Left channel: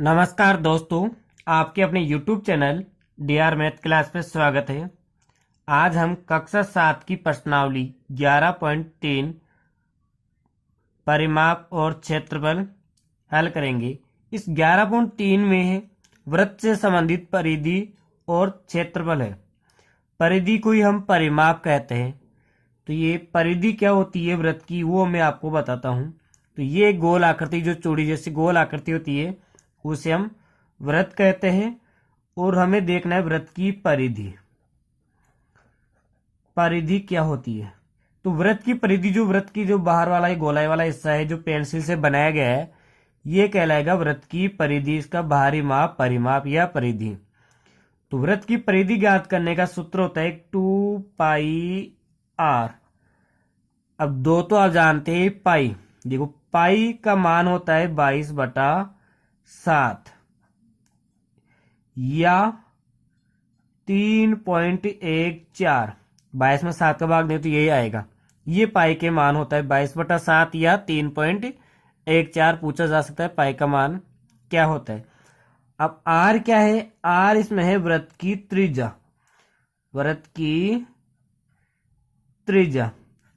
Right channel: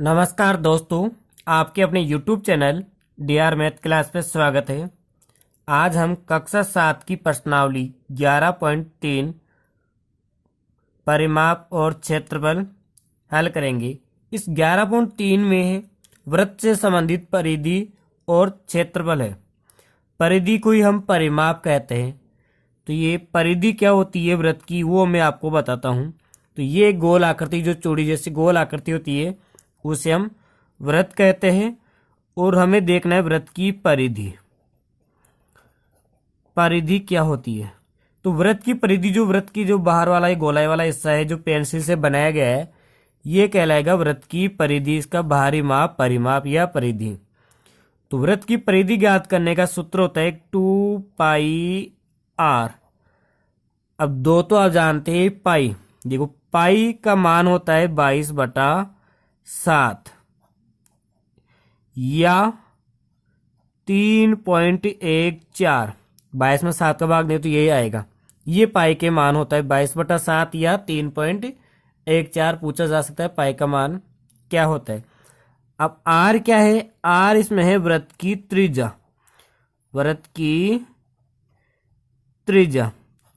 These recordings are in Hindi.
नमस्कार दोस्तों, आपके अपने YouTube channel DR math class में स्वागत है। आज हम कक्षा 7 की प्रश्नावली 11.3 परिमाप और क्षेत्रफल हल करेंगे। इस 11.3 में है वृत्त से संबंधित परिधि और क्षेत्रफल है। परिधि को ही हम परिमाप कहते हैं। तो ये परिधि क्या होती है वृत्त की, वो मैं आपको बताता हूँ। तो ये गोल आकृति, जो चूड़ी जैसी गोल आकृति होती है, उसे हम वृत्त कहते हैं। और हमें देखना है वृत्त की परिधि। परिधि क्या होती है? तो वृत्त की परिधि, जो वृत्त की जो बाहर वाला ये गोलाई वाला हिस्सा है, जो पेंसिल से बनाया गया है, ये कहलाएगा वृत्त की परिधि। इसका बाहरी माप परिमाप या परिधि। तो वृत्त की परिधि ज्ञात करने का सूत्र होता है 2πr। अब दो तो आप जानते हैं पाई। देखो, पाई का मान होता है 22/7 या 3.14। 22 में 7 का भाग दे तो यही आएगा। ये पाई के मान होता है 22/7 या 3.14। पूछा जा सकता है पाई का मान क्या होता है। अब आर क्या है? आर इसमें है वृत्त की त्रिज्या। वृत्त की त्रिज्या।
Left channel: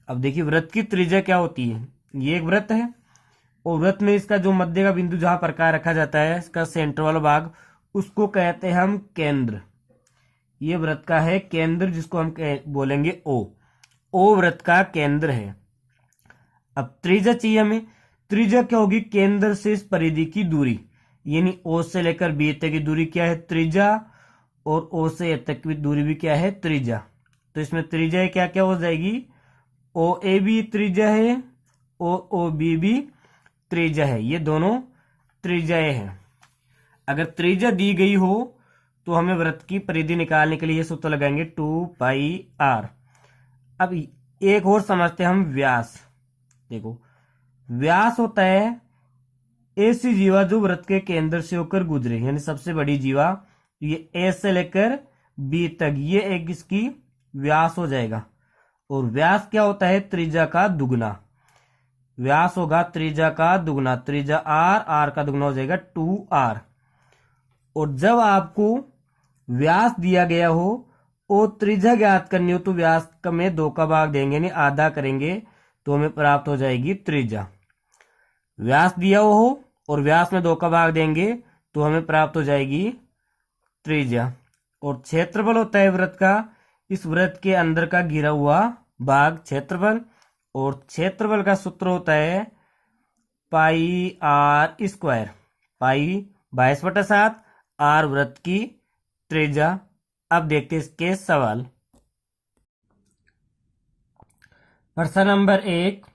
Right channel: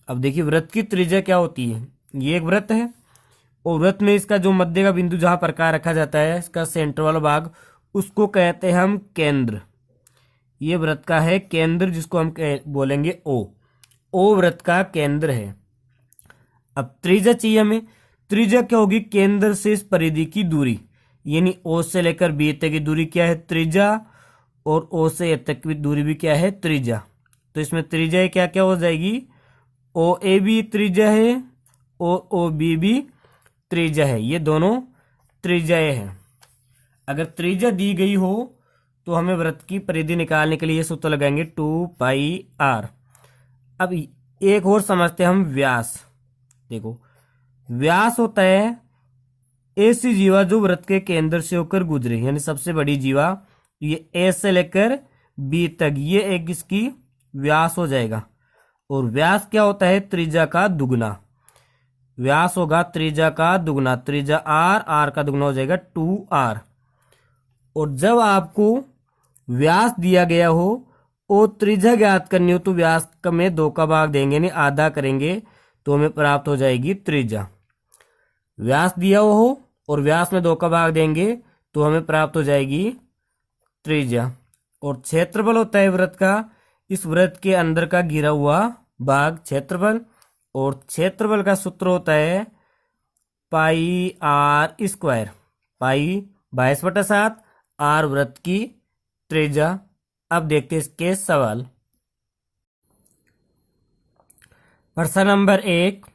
अब देखिए वृत्त की त्रिज्या क्या होती है। ये एक वृत्त है और वृत्त में इसका जो मध्य का बिंदु जहां प्रकार रखा जाता है, इसका सेंटर वाला भाग, उसको कहते हैं हम केंद्र। ये वृत्त का है केंद्र, जिसको हम बोलेंगे ओ। ओ वृत्त का केंद्र है। अब त्रिज्या चाहिए हमें। त्रिज्या क्या होगी? केंद्र से इस परिधि की दूरी, यानी ओ से लेकर बी तक की दूरी क्या है? त्रिज्या। और ओ से ए तक की दूरी भी क्या है? त्रिज्या। तो इसमें त्रिज्या क्या क्या हो जाएगी? ओ ए भी त्रिज्या है, ओ बी भी त्रिज्या है। ये दोनों त्रिज्याएं हैं। अगर त्रिज्या दी गई हो तो हमें वृत्त की परिधि निकालने के लिए ये सूत्र लगाएंगे 2πr। अब एक और समझते हैं हम व्यास। देखो, व्यास होता है ऐसी जीवा जो वृत्त के केंद्र से होकर गुजरे, यानी सबसे बड़ी जीवा। ये ए से लेकर बी तक, ये एक इसकी व्यास हो जाएगा। और व्यास क्या होता है? त्रिज्या का दुगना। व्यास होगा त्रिज्या का दुगना। त्रिज्या आर, आर का दुगना हो जाएगा 2r। और जब आपको व्यास दिया गया हो और त्रिज्या ज्ञात करनी हो तो व्यास में 2 का भाग देंगे, नहीं आधा करेंगे, तो हमें प्राप्त हो जाएगी त्रिज्या। व्यास दिया हो और व्यास में 2 का भाग देंगे तो हमें प्राप्त हो जाएगी त्रिज्या। और क्षेत्रफल होता है वृत्त का, इस वृत्त के अंदर का घिरा हुआ भाग क्षेत्रफल। और क्षेत्रफल का सूत्र होता है πr²। पाई 22/7, आर वृत्त की त्रिज्या। अब देखते हैं इसके सवाल। प्रश्न नंबर 1,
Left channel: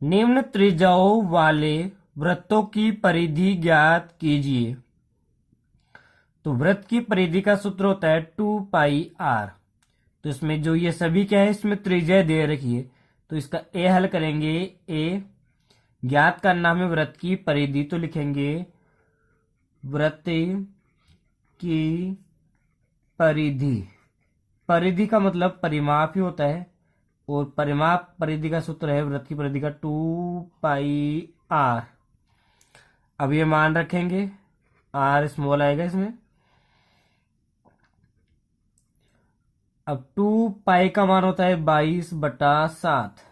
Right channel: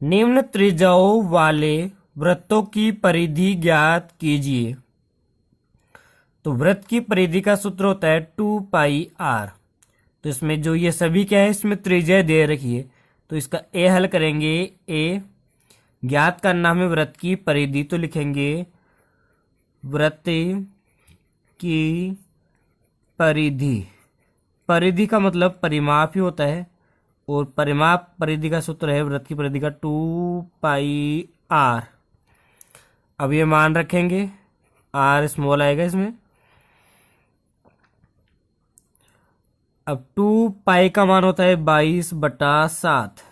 निम्न त्रिज्याओं वाले वृत्तों की परिधि ज्ञात कीजिए। तो वृत्त की परिधि का सूत्र होता है 2πr। तो इसमें जो ये सभी क्या है, इसमें त्रिज्या दे रखी है, तो इसका ए हल करेंगे। ए ज्ञात करना हमें वृत्त की परिधि, तो लिखेंगे वृत्त की परिधि। परिधि का मतलब परिमाप ही होता है, और परिमाप परिधि का सूत्र है वृत्त की परिधि का 2πr। अब ये मान रखेंगे, आर स्मॉल आएगा इसमें। अब 2π का मान होता है 22/7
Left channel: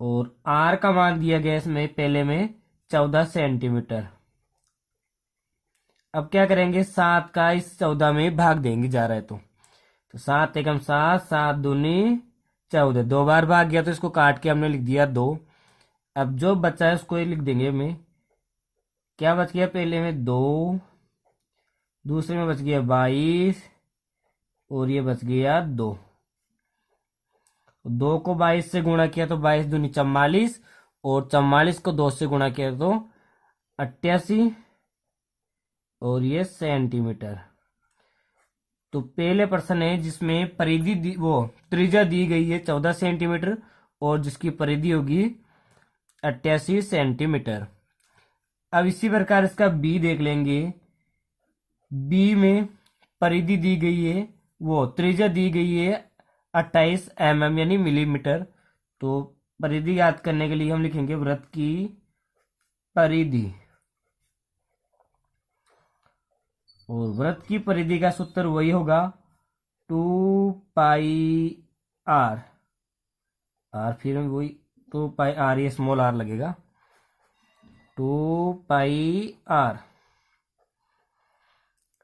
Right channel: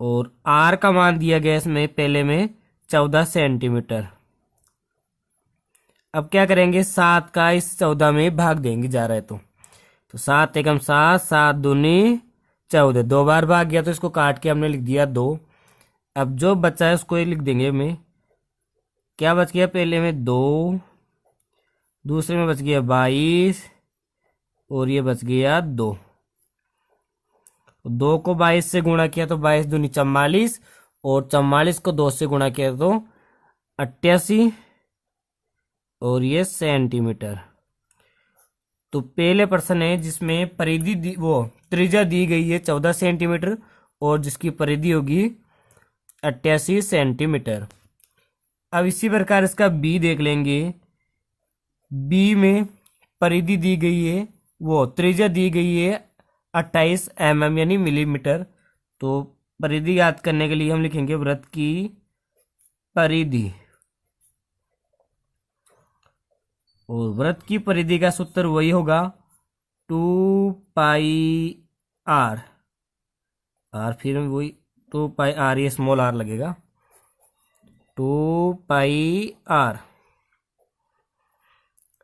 और आर का मान दिया गया इसमें पहले में 14 सेंटीमीटर। अब क्या करेंगे? 7 का इस 14 में भाग देंगे, जा रहा है तो 7 एकम 7, 7 दूनी 14। 2 बार भाग गया तो इसको काट के हमने लिख दिया 2। अब जो बचा है उसको ये लिख देंगे में। क्या बच गया? पहले में 2, दूसरे में बच गया 22 और ये बच गया 2। 2 को 22 से गुणा किया तो 22 दूनी 44 और 44 को 2 से गुणा किया तो 88 और ये सेंटीमीटर। तो पहले प्रश्न है जिसमें परिधि वो त्रिज्या दी गई है 14 सेंटीमीटर और जिसकी परिधि होगी 88 सेंटीमीटर। अब इसी प्रकार इसका बी देख लेंगे। बी में परिधि दी गई है, वो त्रिज्या दी गई है 28 mm यानी मिलीमीटर। तो परिधि याद करने के लिए हम लिखेंगे वृत्त की परिधि। और वृत्त की परिधि का सूत्र वही होगा 2 पाई आर फिर वही 2 पाई आर, ये स्मॉल आर लगेगा 2 पाई आर।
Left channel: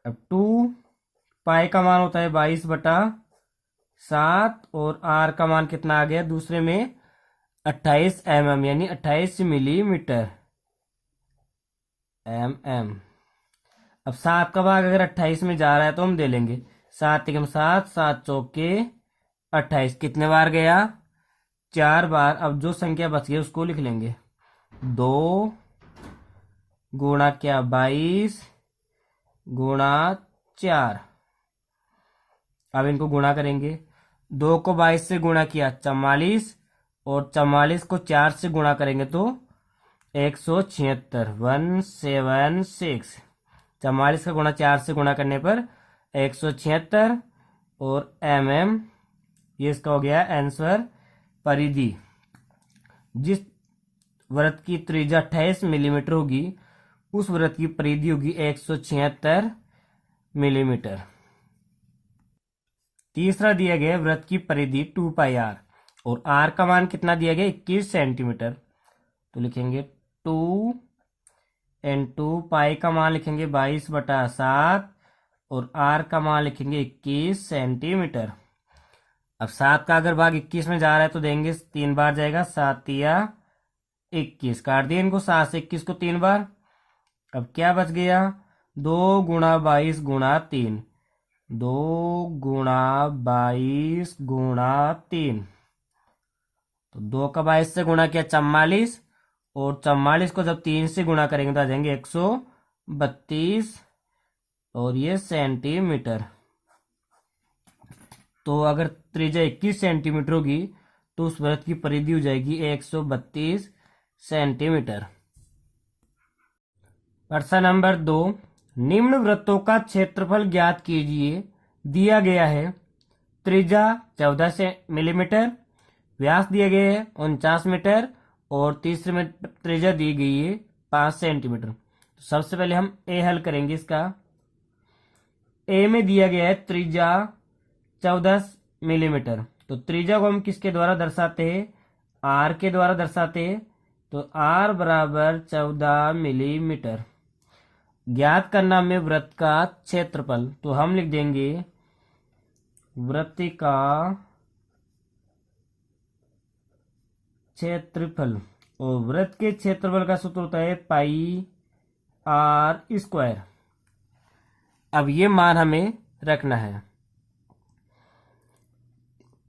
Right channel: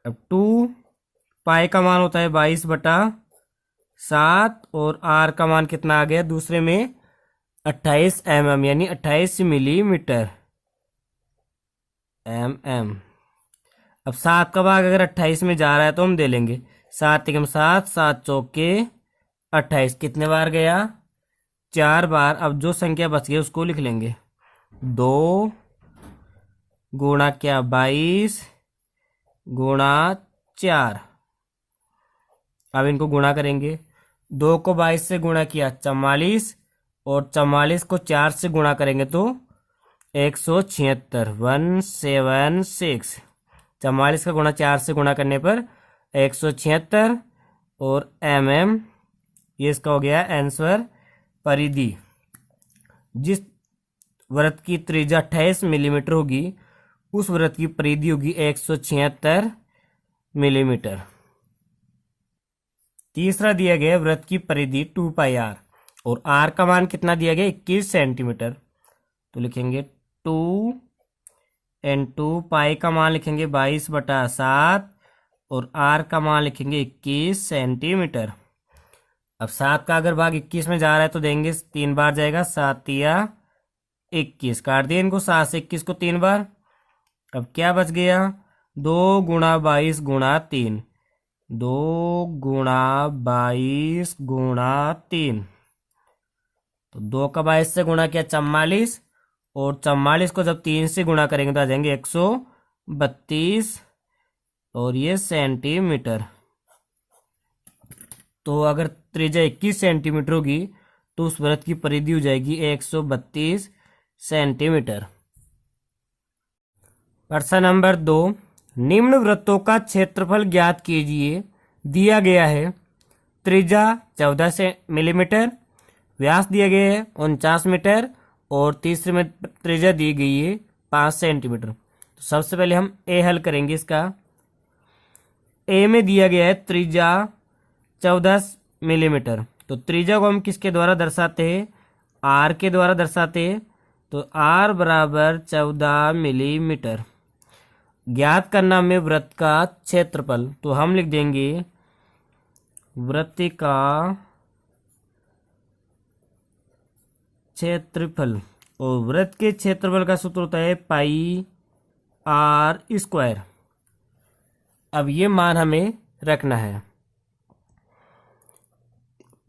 अब 2 पाई का मान होता है 22/7 और आर का मान कितना आ गया दूसरे में 28 mm यानी 28 मिलीमीटर अब 7 का भाग अगर 28 में जा रहा है तो हम दे लेंगे 7 एकम 7, 7 चौके 28, कितने बार गया 4 बार। अब जो संख्या बच गई उसको लिख लेंगे 2 गुणा क्या 22 गुणा 4। अब इनको गुणा करेंगे, 2 को 22 से गुणा किया 44 और 44 को 4 से गुणा करेंगे तो 176 176। 44 का गुणा 4 से गुणा करने पर 176 और ये इसका हो गया आंसर। परिधि जिस वृत्त की त्रिज्या 28 मिलीमीटर होगी उस वृत्त की परिधि होगी 176 मिलीमीटर। तीसरा दिया गया वृत्त की परिधि 2 पाई आर और आर का मान कितना दिया गया 21 सेंटीमीटर। तो लिखेंगे 2 इंटू पाई का मान लिखेंगे 22/7 और आर का मान लिखेंगे 21 सेंटीमीटर। अब 7 का अगर भाग 21 में जा रहा है तो देंगे 3 बार जाएगा 7 या 21, काट दिए इनको 7 से 21 को 3 बार। अब क्या बच गया 2 गुणा 22 गुणा 3, 2 गुणा 22 गुणा 3, तो 2 का 22 से गुणा किया 44 और 44 को जब 3 से गुणा करेंगे तो आ जाएंगे 132 और ये सेंटीमीटर। तो अगर त्रिज्या 21 सेंटीमीटर होगी तो उस वृत्त की परिधि हो जाएगी 132 सेंटीमीटर। प्रश्न नंबर 2, निम्न वृत्तों का क्षेत्रफल ज्ञात कीजिए। दिया गया है त्रिज्या 14 मिलीमीटर, व्यास दिए गए हैं 49 मीटर और तीसरे में त्रिज्या दी गई है 5 सेंटीमीटर। तो सबसे पहले हम ए हल करेंगे। इसका ए में दिया गया है त्रिज्या 14 मिलीमीटर, तो त्रिज्या को हम किसके द्वारा दर्शाते हैं आर के द्वारा दर्शाते हैं। तो आर बराबर 14 मिलीमीटर। ज्ञात करना में वृत्त का क्षेत्रफल, तो हम लिख देंगे वृत्त का क्षेत्रफल और वृत्त के क्षेत्रफल का सूत्र होता है πr²। अब ये मान हमें रखना है।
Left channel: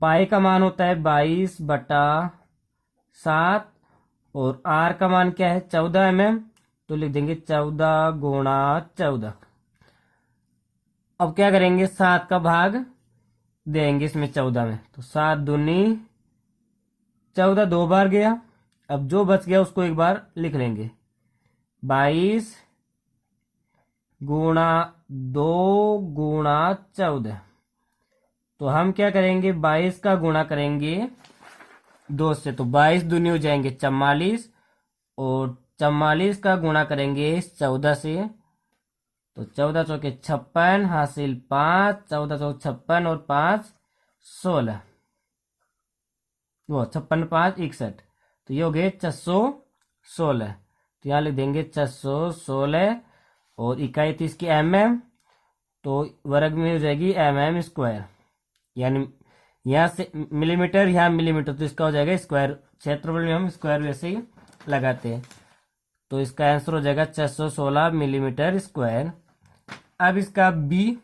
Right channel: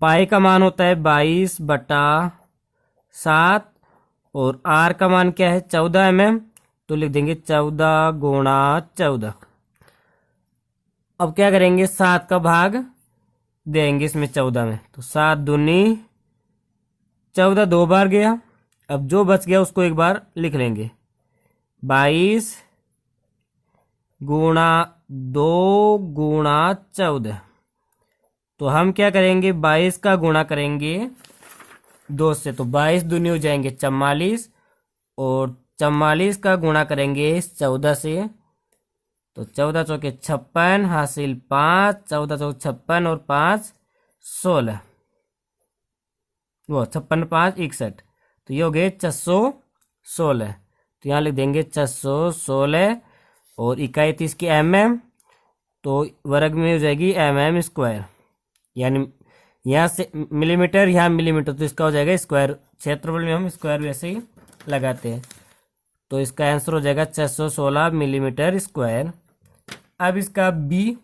पाई का मान होता है 22/7 और आर का मान क्या है 14 mm, तो लिख देंगे 14 गुणा 14। अब क्या करेंगे 7 का भाग देंगे इसमें 14 में, तो 7 दूनी 14 2 बार गया। अब जो बच गया उसको एक बार लिख लेंगे 22 गुणा 2 गुणा 14। तो हम क्या करेंगे 22 का गुणा करेंगे 2 से, तो 22 दूनी हो जाएंगे 44 और 44 का गुणा करेंगे 14 से, तो 14 चौके 56 हासिल 5, 14 चौके 56 और 5 16, वो 56 5 61, तो ये हो गए 616। तो यहाँ लिख देंगे 616 और इकाई थी इसकी mm, तो वर्ग में हो जाएगी mm², यानी यहाँ से मिलीमीटर यहाँ मिलीमीटर, तो इसका हो जाएगा स्क्वायर। क्षेत्रफल में हम स्क्वायर वैसे ही लगाते हैं, तो इसका आंसर हो जाएगा 616 मिलीमीटर स्क्वायर। अब इसका बी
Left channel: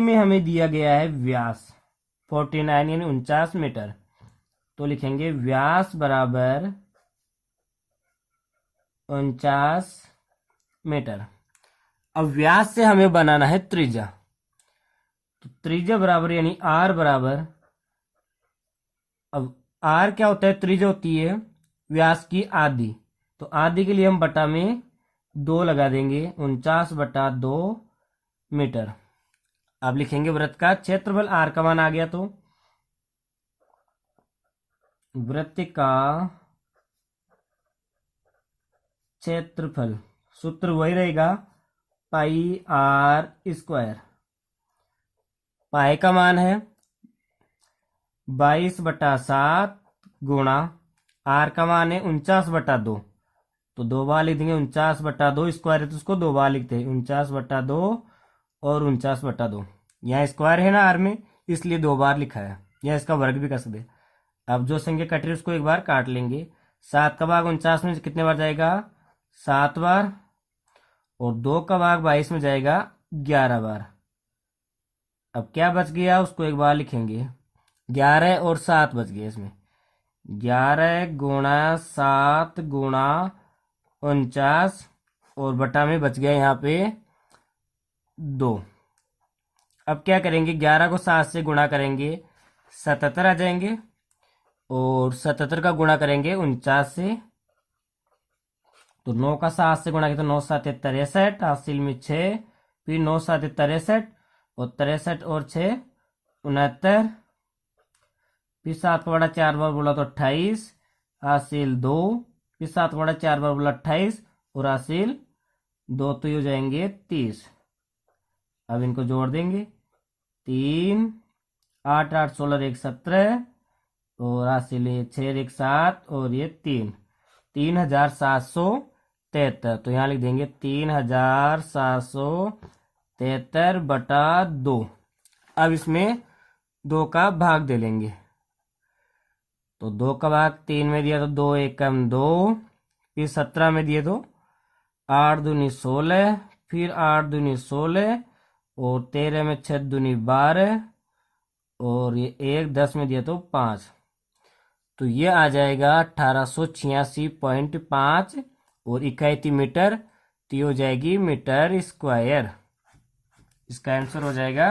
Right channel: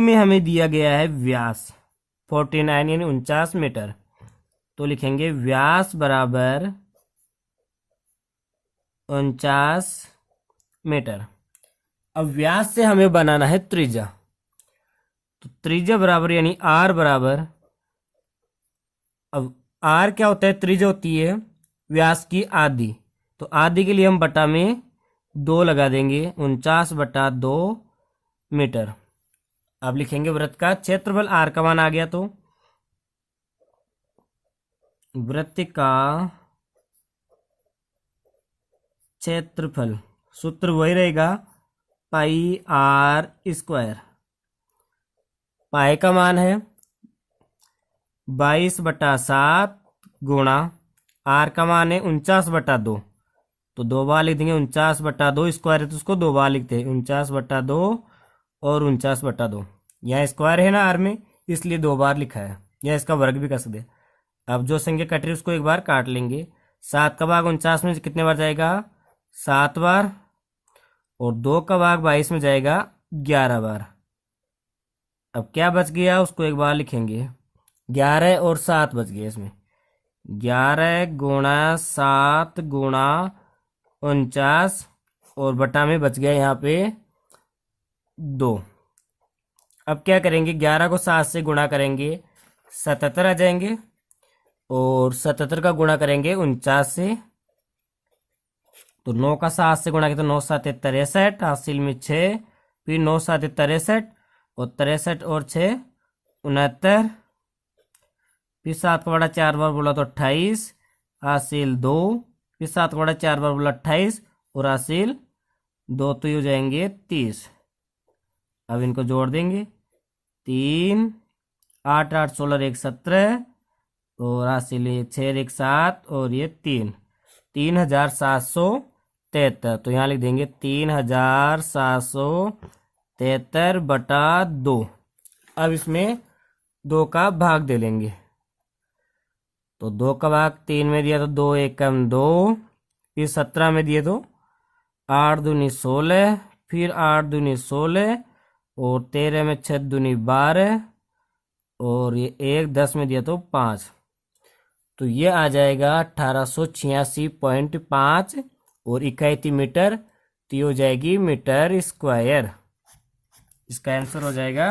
में हमें दिया गया है व्यास 49 यानी 49 मीटर, तो लिखेंगे व्यास बराबर 49 मीटर। अब व्यास से हमें बनाना है त्रिज्या, तो त्रिज्या बराबर यानी आर बराबर, अब आर क्या होता है त्रिज्या होती है व्यास की आधी, तो आधी के लिए हम बटा में 2 लगा देंगे 49/2 मीटर। अब लिखेंगे वृत्त का क्षेत्रफल, आर का मान आ गया तो वृत्त का क्षेत्रफल सूत्र वही रहेगा पाई आर स्क्वायर। पाई का मान है 22/7 गुणा आर का मान है 49/2, तो 2 बार लिख देंगे 49/2, स्क्वायर है तो उसको 2 बार लिखते हैं 49/2 और 49/2। यहाँ स्क्वायर है ना आर में, इसलिए 2 बार लिखा है, या इसका वर्ग भी कर सकते हैं। अब जो संख्या कट रही है उसको एक बार काट लेंगे। 7 का भाग 49 में कितने बार जाएगा? 7 बार। और 2 का भाग 22 में जाएगा 11 बार। अब क्या बच गया उसको एक बार लिखेंगे। 11 और 7 बच गए इसमें। 11 गुणा 7 गुणा 49 और बटा में बच गया यहाँ पे 2। अब क्या करेंगे? 11 को 7 से गुणा करेंगे 77 आ जाएंगे, और 77 का गुणा करेंगे 49 से, तो 9 का 7 से गुणा किया तो 9 7 63, हासिल में 6, फिर 9 7 63 और 63 और 6 69, फिर 7 का बड़ा 4 बार बोला तो 28, हासिल 2, फिर 7 का बड़ा 4 बार बोला 28 और हासिल 2, तो ये हो जाएंगे 30। अब इनको जोड़ देंगे 3 8 8 16 1 17 और हासिल 6 1 7 और ये 3773। तो यहाँ लिख देंगे 3773/2। अब इसमें 2 का भाग दे लेंगे, तो 2 का भाग 3 में दिया तो 2 एकम 2, फिर 17 में दिए तो 8 दूनी 16, फिर 8 दूनी 16 और 13 में 6 दूनी 12 और ये 1 10 में दिया तो 5, तो ये आ जाएगा 1886.5 और इकाई थी मीटर, तो ये हो जाएगी मीटर स्क्वायर। इसका आंसर हो जाएगा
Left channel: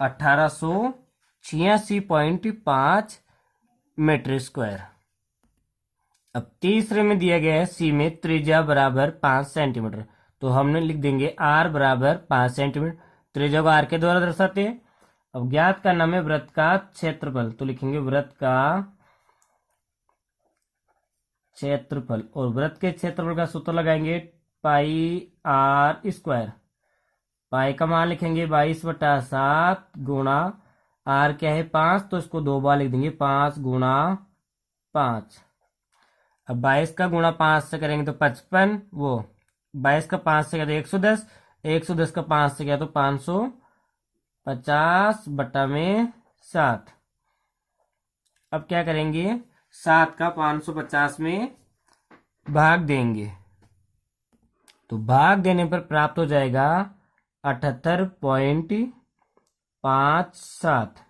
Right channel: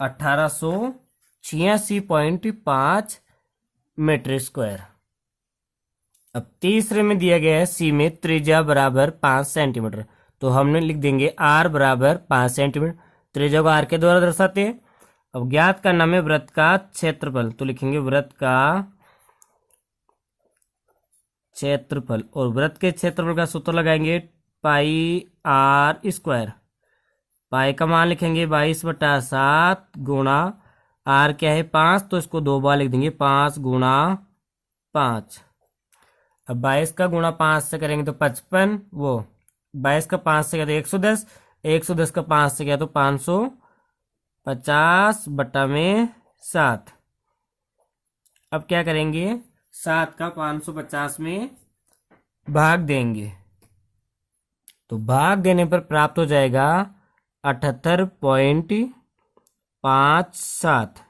1886.5 मीटर स्क्वायर। अब तीसरे में दिया गया है सी में त्रिज्या बराबर 5 सेंटीमीटर, तो हमने लिख देंगे आर बराबर 5 सेंटीमीटर। त्रिज्या को आर के द्वारा दर्शाते हैं। अब ज्ञात करना है वृत्त का क्षेत्रफल, तो लिखेंगे वृत्त का क्षेत्रफल, और वृत्त के क्षेत्रफल का सूत्र लगाएंगे पाई आर स्क्वायर। पाई का मान लिखेंगे 22/7 गुणा आर क्या है 5, तो इसको 2 बार लिख देंगे 5 गुणा 5। अब 22 का गुणा 5 से करेंगे तो 55, वो 22 का 5 से किया तो 110, 110 का 5 से किया तो 550/7। अब क्या करेंगे? 7 का 550 में भाग देंगे, तो भाग देने पर प्राप्त हो जाएगा 78.57।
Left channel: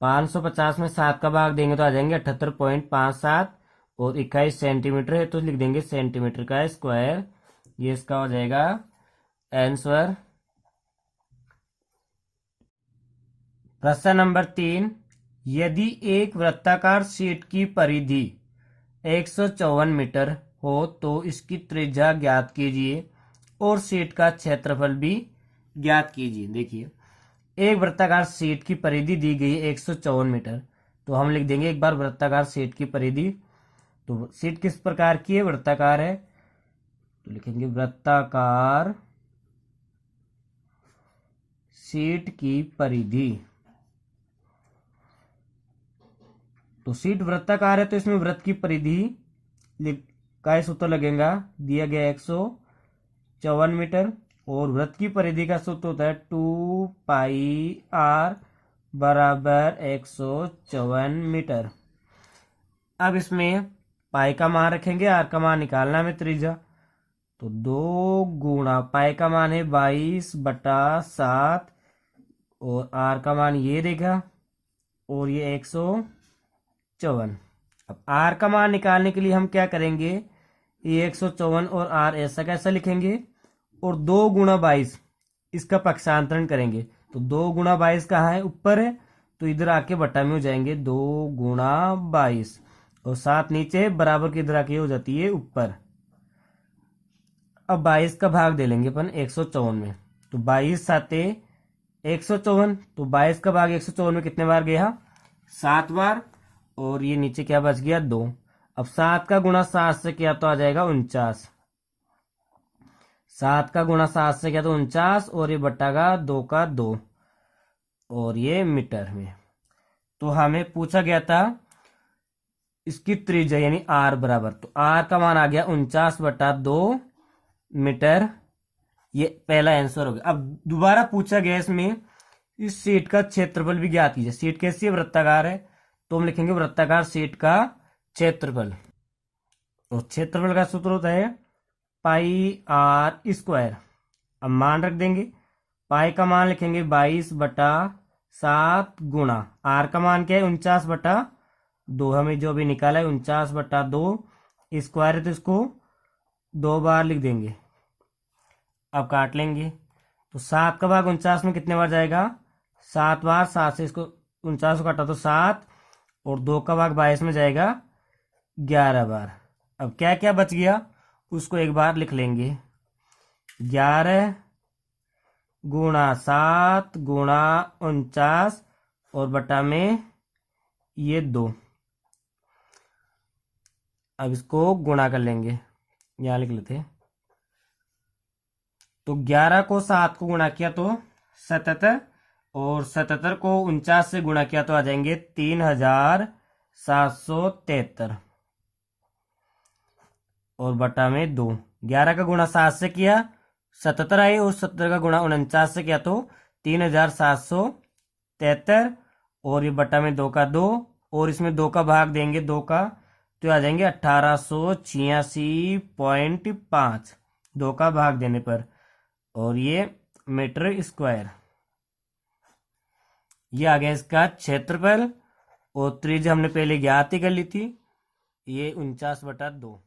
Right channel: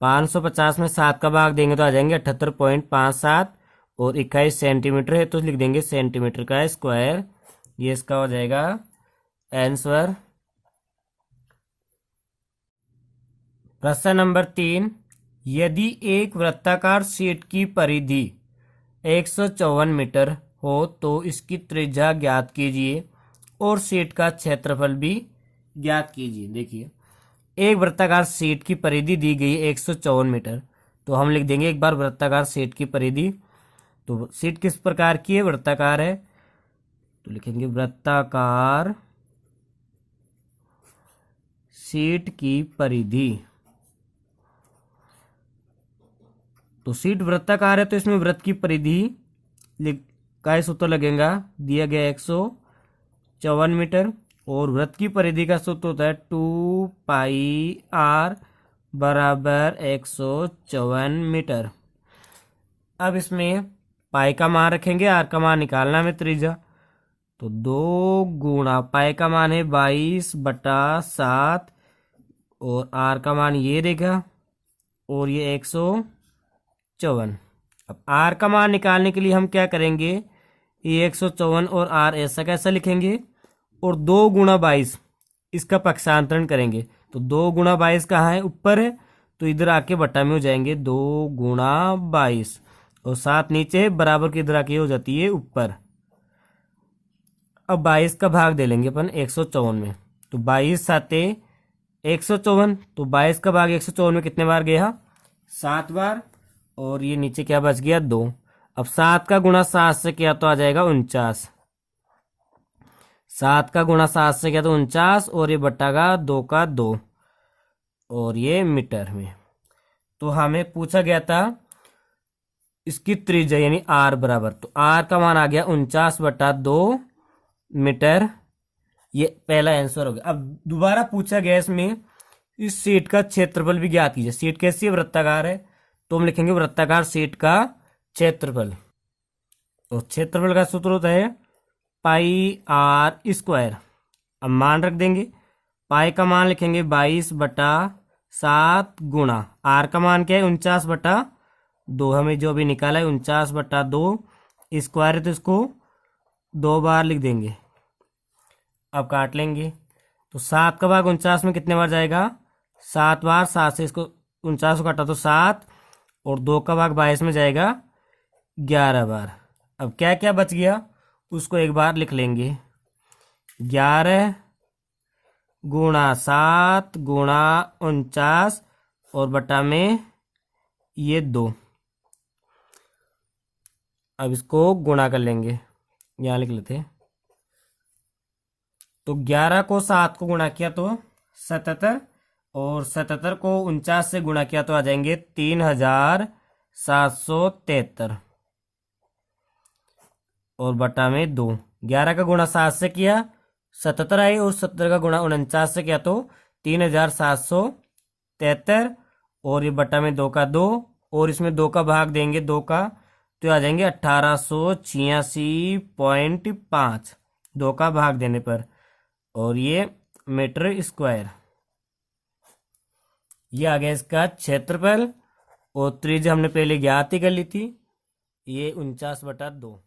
550 में 7 का भाग देंगे तो आ जाएंगे 78.57 और 21 सेंटीमीटर है, तो लिख देंगे सेंटीमीटर का स्क्वायर। ये इसका हो जाएगा आंसर। प्रश्न नंबर 3, यदि एक वृत्ताकार शीट की परिधि 154 मीटर हो तो इसकी त्रिज्या ज्ञात कीजिए और शीट का क्षेत्रफल भी ज्ञात कीजिए। देखिए, एक वृत्ताकार शीट की परिधि दी गई 154 मीटर, तो हम लिख देंगे एक बार वृत्ताकार शीट की परिधि। तो शीट किस प्रकार की है? वृत्ताकार है, तो लिखेंगे वृत्ताकार शीट की परिधि। तो शीट वृत्ताकार है तो इसमें वृत्त की परिधि का सूत्र लगेगा, दिया गया 154 मीटर, और वृत्त की परिधि का सूत्र होता है 2 पाई आर बराबर 154 मीटर। अब इसमें पाई का मान रखेंगे, आर का मान निकालना में त्रिज्या, तो 2 गुणा पाई का मान है 22/7 और आर का मान ये रहेगा और ये 154। अब आर का मान निकालने के लिए हम क्या करेंगे? ये 154 और आर ऐसा कैसा लिखेंगे, और 2 गुणा 22 इसका पक्षांतरण करेंगे, तो 2 गुणा 22 कहाँ है? ऊपर है, तो इधर आके बटा में हो जाएंगे 2 गुणा 22 और 7 नीचे है, बराबर की इधर आके हो जाती है ऊपर। अब 22 का भाग दे लेंगे अपन 154 में, तो 22 साते 154, तो 22 का भाग 154 में कितने बार गया? 7 बार, और ये नीचे क्या बच गया? 2। अब 7 का गुणा 7 से किया तो आ जाएगा 49। 7 का गुणा 7 से क्या तो 49, और ये बट्टा का 2 का 2, और ये मीटर में। तो हमें पूछा गया था इसकी त्रिज्या यानी आर बराबर, तो आर का मान आ गया 49/2 मीटर। ये पहला आंसर हो गया। अब दोबारा पूछा गया इसमें इस शीट का क्षेत्रफल भी ज्ञात कीजिए। शीट कैसी है? वृत्ताकार है, तो हम लिखेंगे वृत्ताकार शीट का क्षेत्रफल। और क्षेत्रफल का सूत्र होता है पाई आर स्क्वायर। अब मान रख देंगे, पाई का मान लिखेंगे 22/7 गुणा आर का मान क्या है 49/2, हमें जो अभी निकाला है 49/2 स्क्वायर है, तो इसको 2 बार लिख देंगे। अब काट लेंगे, तो 7 का भाग 49 में कितने बार जाएगा? 7 बार। 7 से इसको 49 को काटा तो 7, और 2 का भाग 22 में जाएगा 11 बार। अब क्या क्या बच गया उसको एक बार लिख लेंगे, 11 गुणा 7 गुणा 49 और बटा में ये 2। अब इसको गुणा कर लेंगे, यहाँ लिख लेते। तो 11 को 7 को गुणा किया तो 77, और 77 को 49 से गुणा किया तो आ जाएंगे 3773, और बटा में 2। 11 का गुणा 7 से किया 77 आए, और 70 का गुणा 49 से किया तो 3773, और ये बटा में 2 का 2, और इसमें 2 का भाग देंगे 2 का, तो आ जाएंगे 1886.5 2 का भाग देने पर, और ये मीटर स्क्वायर। ये आ गया इसका क्षेत्रफल, और त्रिज्या हमने पहले ज्ञात ही कर ली थी, ये 49/2।